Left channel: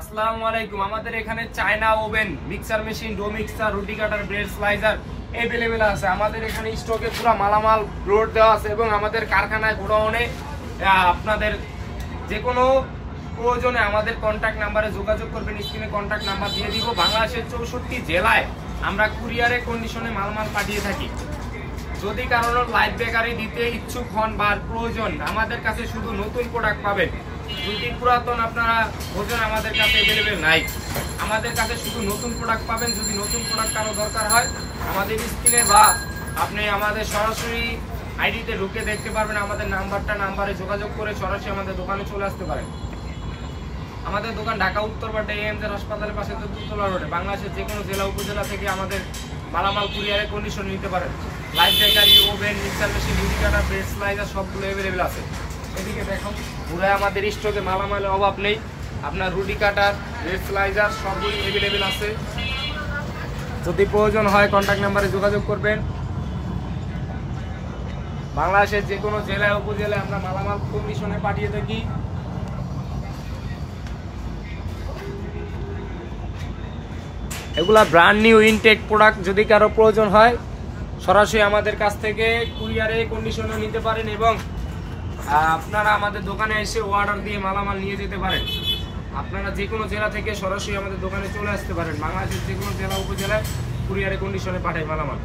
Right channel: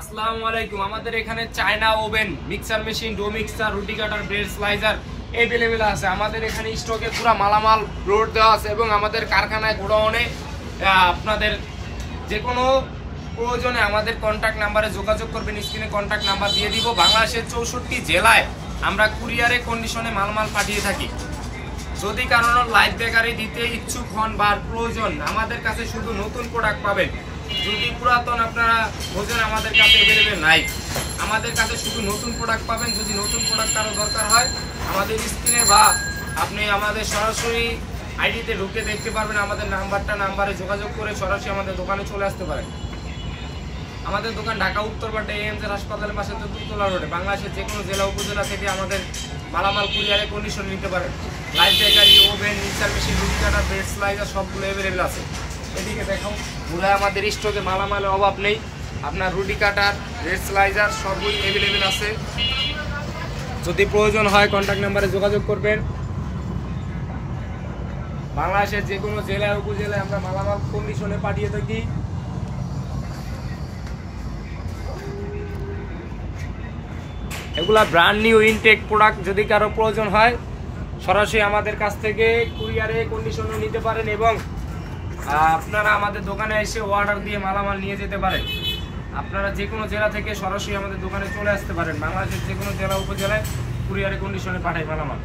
আসসালামু আলাইকুম। আমাদের এখানে China oven, mixer machine, do mixer, রুটি কাটার, ব্রেড স্লাইসার अवेलेबल আছে। আমাদের এখানে স্টকে পুরো মালামাল লোড দেওয়া আছে এবং আমাদের কারখানায় গোডাউনে আপনাদের যে কোনো প্রয়োজনে আমাদের কন্টাক্ট নাম্বারে যোগাযোগ করবেন। স্ক্রিনে কন্টাক্ট নাম্বার দিয়ে দিব। বাংলাদেশের 64 জেলায় আমরা কুরিয়ারে কন্ডিশনে মালামাল পাঠিয়ে থাকি। যদি কারণ লাইভ বেকারি দিতে ইচ্ছুক হন বা প্রয়োজন, আমাদের কাছে শুধু নতুন প্রোডাক্ট পাবেন। যদি পুরাতন আপনারা বোঝেন আমাদের কাছে अवेलेबल নাই, আমাদের কাছে শুধু নতুন প্রোডাক্ট পাবেন। যদি নতুন প্রোডাক্ট কারো দরকার হয় আমাদের স্ক্রিনে বা আপনি আমাদের সরাসরি আইডিতে ঢুকে দেখতে পারবেন। আমাদের নাম্বারে যোগাযোগ করে সরাসরি আমাদের দোকানে চলে আসতে পারেন। আমাদের দোকান ঢাকা উত্তরপাড়া এএমজে হাসপাতালের পাশে দুতলা রোডে। বাংলাদেশের যে কোনো জেলা উপজেলা থেকে আমাদের মালামাল কুরিয়ারে কন্ডিশন নিতে পারেন। Live bakery, oven, mixer machine, রুটি কাটা, ব্রেড স্লাইসার সবগুলো अवेलेबल আছে। এদিকে দেখুন পুরো আমাদের স্টকে মালামালের অভাব নেই। আপনার রুটি কাটার, ব্রেড স্লাইসার সবগুলো अवेलेबल আছে। যদি প্রয়োজন হয় কন্টাক্ট নাম্বারে যোগাযোগ করবেন। বাংলাদেশের যে কোনো জেলা উপজেলায় আমরা মালামাল কন্ডিশনে পাঠিয়ে থাকি। এগুলা ব্র্যান্ড নিউ ইনটেক প্রোডাক্ট। যদি কারো প্রয়োজন হয় সরাসরি আমাদের কাছ থেকে কুরিয়ারে কন্ডিশনে নিতে পারেন এবং আপনারা আমাদের দোকানে এসে অর্ডার দিয়ে মালামাল নিয়ে যেতে পারেন। আপনারা যে কোনো জেলা থেকে সরাসরি আমাদের দোকানে চলে আসতে পারেন। বাংলাদেশের যে কোনো জেলা উপজেলায় কুরিয়ারে কন্ডিশনে পাঠাই মালামাল।